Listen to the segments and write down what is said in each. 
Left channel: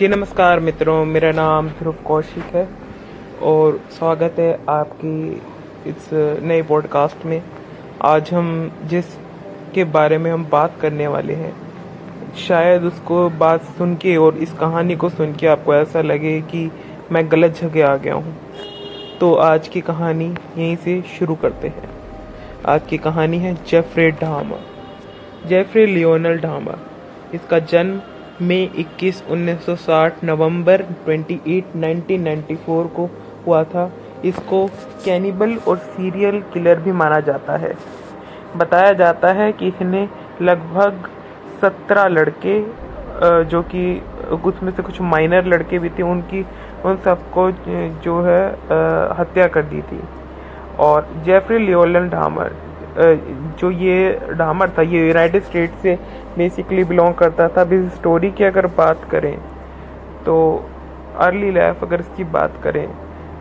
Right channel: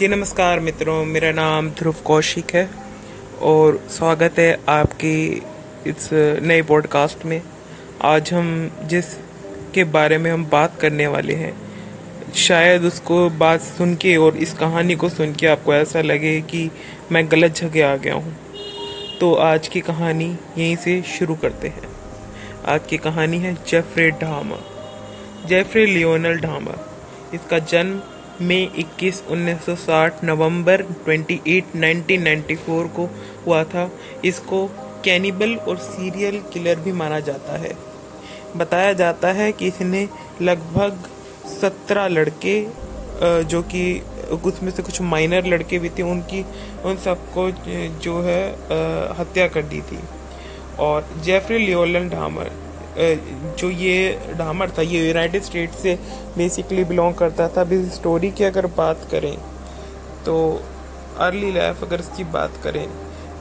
जी नमस्कार मित्रों, मेरा नाम ध्रुव कौशिक है और स्वागत है आपकी इस नए पॉडकास्ट में। आज हम जिस के बारे में हम बात करने वाले हैं, शायद उसको बात सुन के और इस कहानी को सुन के आपको ऐसा लगे कि मैं गलत जगह आ गया हूँ। तो आज की कहानी यहीं से शुरू करते हैं। आज की कहानी है जेफरी डाहमर, जेफरी लियोनेल डाहमर। इसका जन्म मई 21, 1960 नवंबर 28, 1994 को हुआ था। इसको कैनिबल और सीरियल किलर भी माना जाता है। बताया जाता है कि इसने लगभग 17 लड़के, जो कि उसमें से कुछ माइनर लड़के भी थे, उन सबको जो है हत्या कर दी थी। और जेफरी लियोनेल डाहमर, जो ये डाहमर था, ये यूनाइटेड स्टेट्स से बेसिकली बिलोंग करता था। अभी स्टोरी की अगर बात करें तो अर्ली लाइफ अगर इसकी बात करें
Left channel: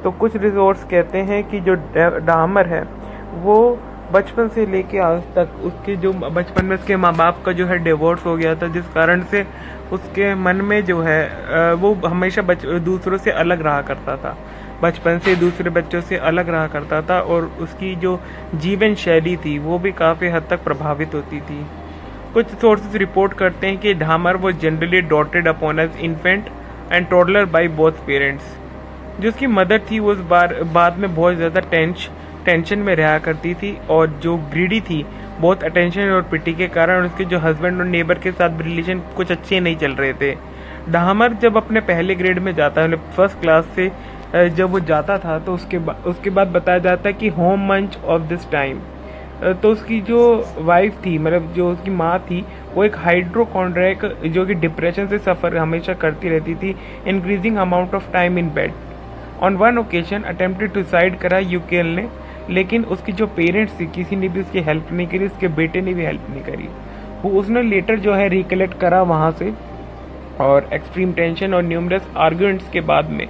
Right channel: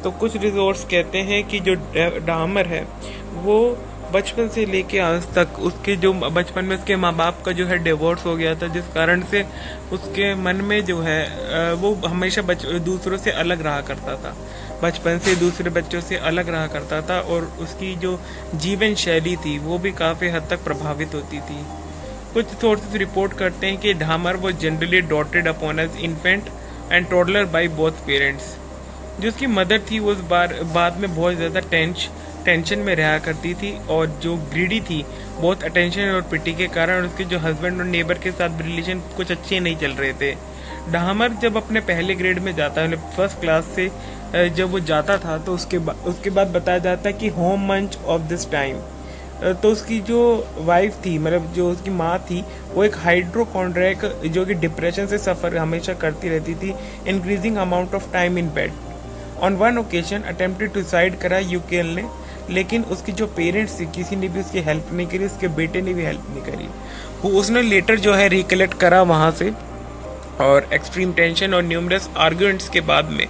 तो कुछ रिसोर्स कहते हैं कि जो डाहमर है वो बचपन से लेके आज तक, उसके जो बचपन में उसके माँ बाप का जो है डिवोर्स हो गया था, जिस कारण से उसके मन में जो है वो हमेशा दूसरों से अलग रहा करता था। बचपन से दूसरे बच्चों से अलग रहा करता था और उसकी जो जीवन शैली थी वो भी काफ़ी हद तक प्रभावित होती थी। कुछ सोर्सेस रिपोर्ट करते हैं कि डाहमर वो generally doted upon as infant and toddler by both parents. जो उसकी मदर थी वो बाद में बहुत ज़्यादा टेंशन में रहा करती थी और जो ग्रीडी थी, बहुत अटेंशन और पिटी के कारण उसके जो हस्बैंड और नेबर के साथ रिलेशन कुछ अच्छे नहीं चल रहे थे। डाहमर जब अपने पहले ग्रेड में जाता है, फर्स्ट क्लास से जब वो जाता था, तो उसके बाद बताया जाता है कि होम मंच ऑफ दिस टाइम, तो उसकी जो वाइफ थी, मतलब जो उसकी माँ थी, वो एक हाइड्रोकॉन्ड्रिक जो कि डिप्रेशन से सफ़र हमेशा करती रहती थी। Increasing amount of time in bed. On one occasion attempted to suicide करा यूकेल ने, लेकिन उसकी जो पेरेंट्स थी किसी ने भी उसकी हेल्प नहीं करी, उसके बेटे ने भी हेल्प नहीं करी। उसने लेटर जो है रिकलेक्ट करा वहाँ से, और एक्सट्रीम टेंशन और न्यूमरस आर्ग्यूमेंट्स के बाद में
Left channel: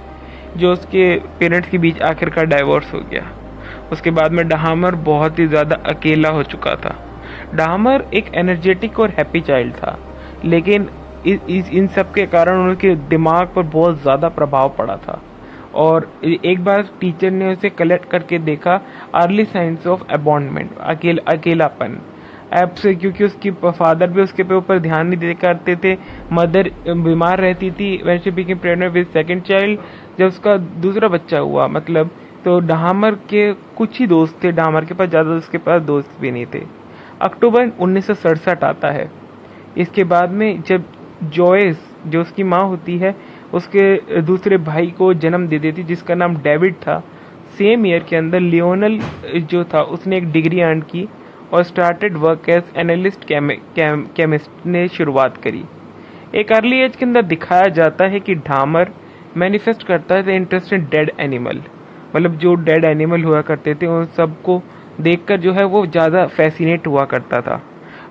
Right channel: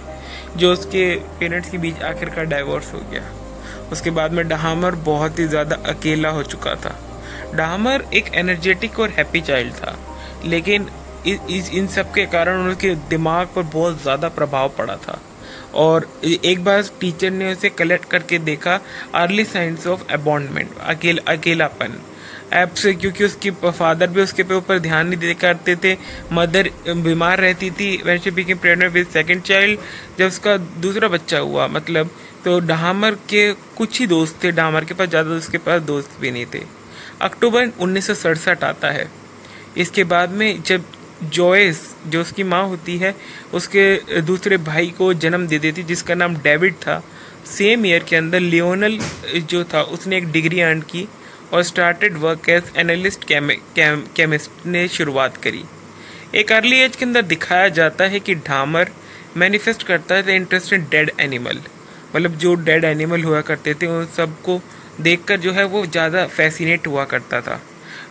जो उसके पेरेंट्स के बीच आखिरकार डाइवोर्स हो गया। उसके बाद में डाहमर बहुत ही ज़्यादा अकेला हो चुका था। डाहमर एक एनर्जेटिक और हैप्पी चाइल्ड था, लेकिन इन सब के कारण उनके दिमाग पर बहुत ज़्यादा प्रभाव पड़ा था। और एक बार टीचर ने उसे कलेक्ट करके देखा अर्ली साइंस ऑफ अबॉन्डमेंट, अकेलापन ऐप से, क्योंकि उसकी फादर भी उसके ऊपर ध्यान नहीं दे करते थे। मदर बीमार रहती थी। वैसे became pregnant with second child, जब उसका दूसरा बच्चा हुआ, मतलब तो डाहमर के कुछ ही दोस्त थे, डाहमर के पास ज़्यादा उसके पास दोस्त भी नहीं थे। अक्टूबर 1967 आता है। इसके बाद में जब जॉयस, जो उसकी माँ होती है, उसके दूसरे भाई को जन्म दे देती, जिसका नाम डेविड था। सेम ईयर के अंदर लियोनेल जो था उसने एक डिग्री अर्न की और started work as analyst chemist ने शुरुआत करी। एक अर्ली एज के अंदर दिखाया जाता है कि डाहमर मैनिफेस्ट करता है इंटरेस्ट इन डेड एनिमल, मतलब जो डेड एनिमल हुआ करते थे उन सबको देखकर जो है वो ज़्यादा फैसिनेट हुआ करता था।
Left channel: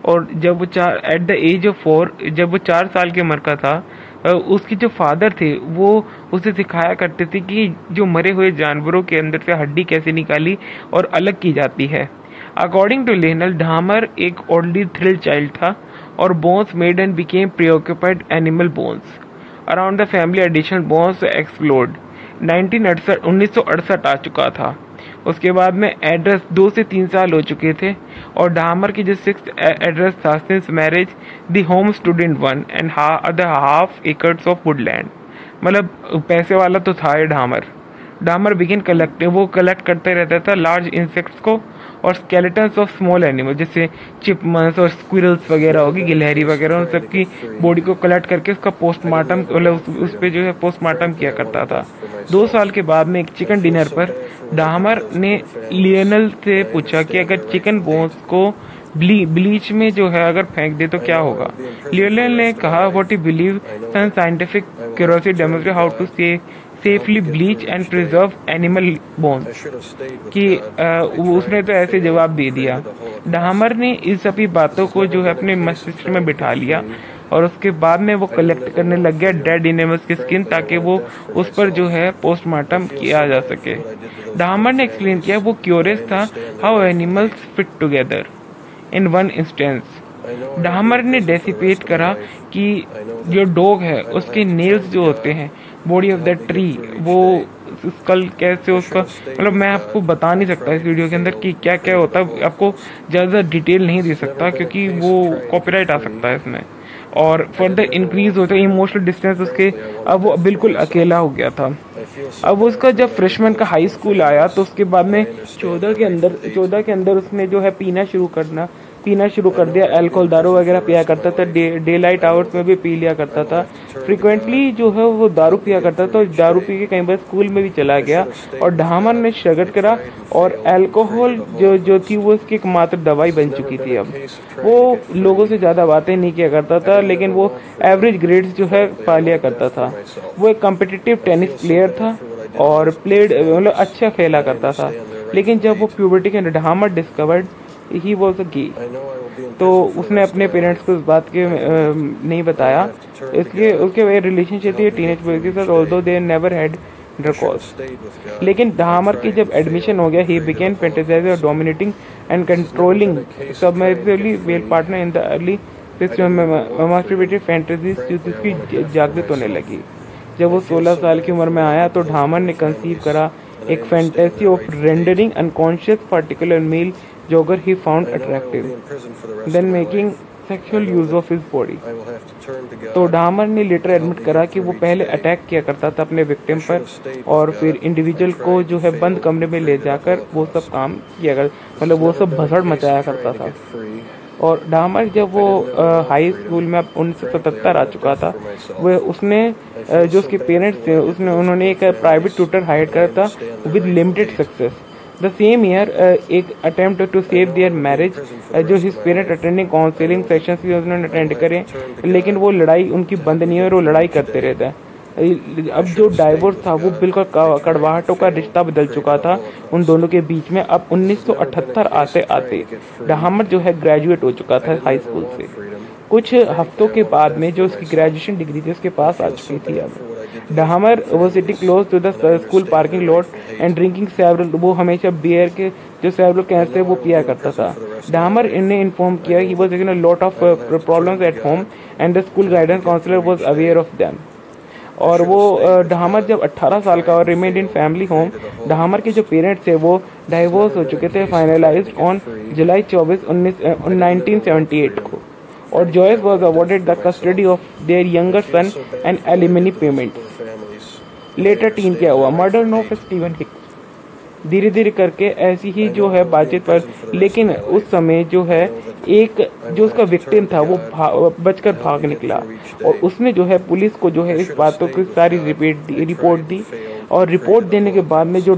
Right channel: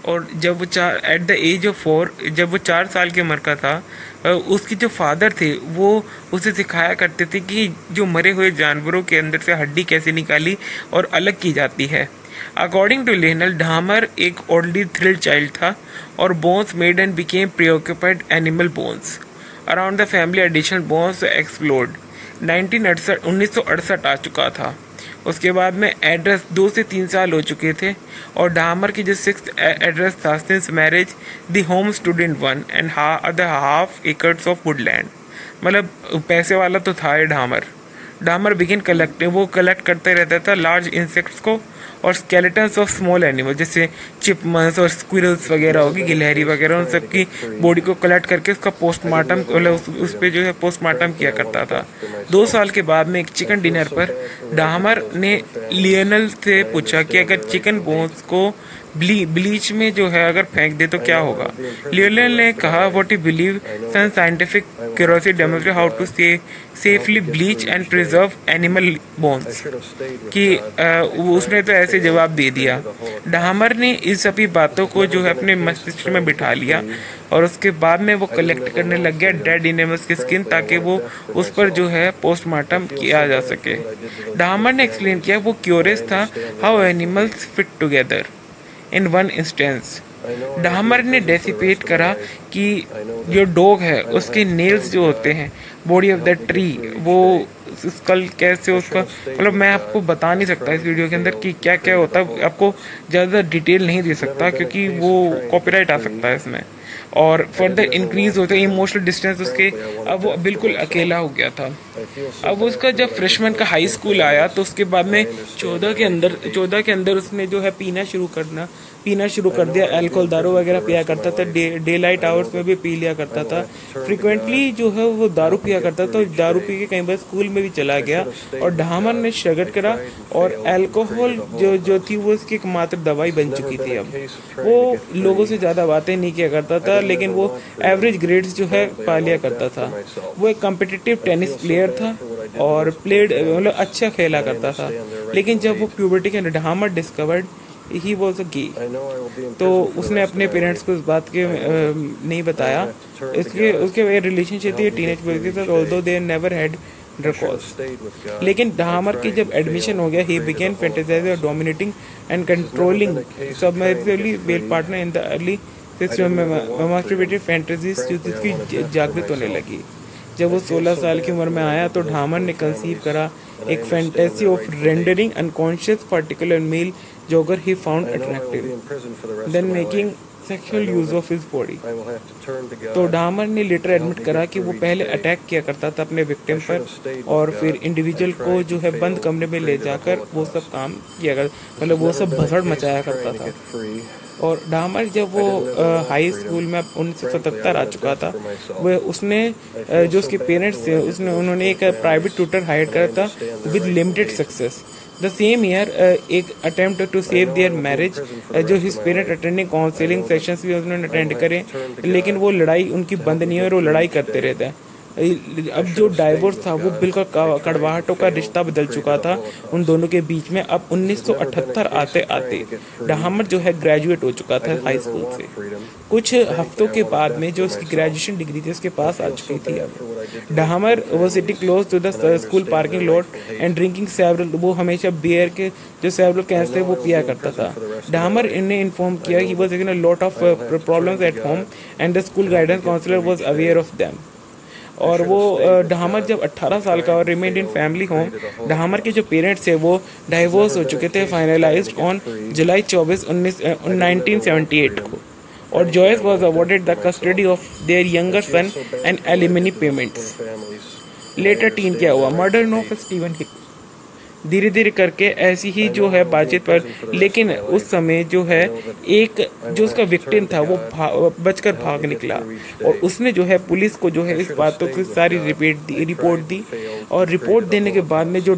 और जब वो एट द एज ऑफ 4, जब वो 4 साल की उम्र का था, उसके जो फादर थे वो उसे सिखाया करते थे कि जो मरे हुए जानवरों के अंदर से हड्डी कैसे निकाली और अलग की जाती है। अकॉर्डिंग टू लियोनेल, डाहमर एक ओल्डली थ्रिल्ड चाइल्ड था और bones made and became preoccupied animal bones around the family additional bones explored. 1968 आ चुका था। उसके बाद में एड्रेस 2 से 3 साल हो चुके थे और डाहमर की जो 6th एड्रेस था since marriage the home student 1 and the half acres of Woodland, मतलब पैसे वाला तो था ये डाहमर बिगिन वो कलेक्ट करते रहता था लार्ज इंसेक्ट्स को और स्केलेटन्स ऑफ स्मॉल एनिमल, जैसे चिपमंक्स और स्क्विरल्स वगैरह होगी, गिलहरी वगैरह, उन सबकी बॉडी को कलेक्ट करके उसका पोस्टमार्टम, मतलब उस पर जो है पोस्टमार्टम किया करता था। 2 साल के बाद में एक चिकन डिनर पर डाहमर ने लियोनेल से पूछा कि अगर चिकन बोन्स को ब्लीच में जो है अगर फेंक दे तो क्या होगा। लियोनेल ने कहा what you believe some scientific curiosity demonstrate how to safely bleach and preserve animal bones, कि उसने तो ऐसे जवाब दे दिया। डाहमर ने इस सभी बातों को जो है अपने मस्तिष्क में बिठा लिया और उसके बाद में वो कलेक्ट करने लग गया डेड एनिमल्स की स्किन, ताकि वो उस पर जो है पोस्टमार्टम किया जा सके। डाहमर ने एक्सप्लेन किया वो क्यूरियस था how animals fit together. In one instance, डामर ने डेसिपेट करा कि जो डॉग है उसके नेल्स जो होते हैं बॉडी ऑफ द ट्री, वो स्कल कैसे उसका, मतलब मैं आपको बता नहीं सकता इस वीडियो के अंदर कि क्या क्या होता है, आपको ज़्यादा डिटेल नहीं दे सकता क्योंकि वो कॉपीराइट आ सकता है इसमें। और फर्दर इंक्रीज होता है इमोशनल डिस्टेंस उसके, अब वो बिल्कुल अकेला हो गया था। अब उसका जब फ्रेशमैन का हाई स्कूल आया तो उसके बाद में 14 के अंदर उसने जो है पीना शुरू कर दिया। अल्कोहल, दारू वगैरह पिया करता था, डे लाइट आवर्स में भी पी लिया करता था। फ्रिक्वेंटली जो है वो दारू पिया करता था, दारू पी के कई बार स्कूल में भी चला गया। और डामर ने स्ट्रगल करा और अल्कोहल जो थी वो इसकी एकमात्र दवाई बन चुकी थी। अब वो लोगों से ज़्यादा बातें नहीं किया करता था, लेकिन वो एवरेज ग्रेड्स जो है पा लिया करता था। वो एक कम्पिटिटिव टेनिस प्लेयर था और मतलब अच्छा खेला करता था। लेकिन जब वो प्यूबर्टी के डामर डिस्कवर्ड ही वॉज अ गे, तो उसने अपने पेरेंट्स को इस बात के नहीं बताया। इसलिए उसके रिलेशनशिप थी टीनेज बॉयज के साथ, although they never had intercourse. लेकिन डामर की जब एडमिशन हो गया, ही बिगेन फैंटेसाइजिंग और dominating and controlling submissively male partner in the early masturbative fantasies की जागृत होने लगी। जब वो 16 साल की उम्र में आया तो डामर ने कंसीव करा एक fantasy of rendering unconscious particular male jogger he found attractive then making sexual use of his body. तो डामर ने लेटर एडमिट करा कि वो पहले अटैक किया करता था अपने विक्टिम पर और फिर इंडिविजुअल को जो है बंद कमरे में ले जाकर वो सब काम किया करता, मतलब वो सब भसड़ मचाया करता था। और डामर जब वो हाई स्कूल में 1977 आ चुका था, वो उसने जो उसके पेरेंट्स थे उन्होंने एक प्राइवेट ट्यूटर हायर करा था with limited success. The same year एक attempt to save their marriage, जो his parent attending counselling sessions भी उन्होंने अटेंड करे, लेकिन वो लड़ाई उनकी बंद नहीं हुई और वो लड़ाई करते रहते हैं। अब जो डाइवोर्स था वो बिल्कुल कड़वाहटों का रिश्ता बदल चुका था उन दोनों के बीच में। अब 1978 आते आते डामर जो है ग्रेजुएट हो चुका था हाई स्कूल से। कुछ हफ्तों के बाद में जो उसकी ग्रेजुएशन डिग्री थी उसके पास आ चुकी थी। Dahmer was sitting close to the school parking lot and drinking several, वो हमेशा बियर के जो सेवरल कैंस थे वो पिया करता था। डामर ने इन्फॉर्म किया he was having a lot of problems at home and the school guidance counsellor was aware of them. और वो डामर जब 18 साल का और रिमेन्ड इन फैमिली होम, डामर के जो पेरेंट्स थे वो डाइवोर्स हो चुके थे फाइनलाइज्ड ऑन जुलाई 24, 1978 को। और Joyce was awarded the custody of their younger son and alimony payments. Later टीन क्या हुआ, मर्डर ऑफ स्टीवन हिक्स। धीरे धीरे करके ऐसी ही जो है बातचीत पर, लेकिन उस समय जो है एक जो उसका विक्टिम था वो बचकर भाग निकला और उसने जो है पुलिस को जो है इस बातों की सारी रिपोर्ट दी और रिपोर्ट देने के बाद में जो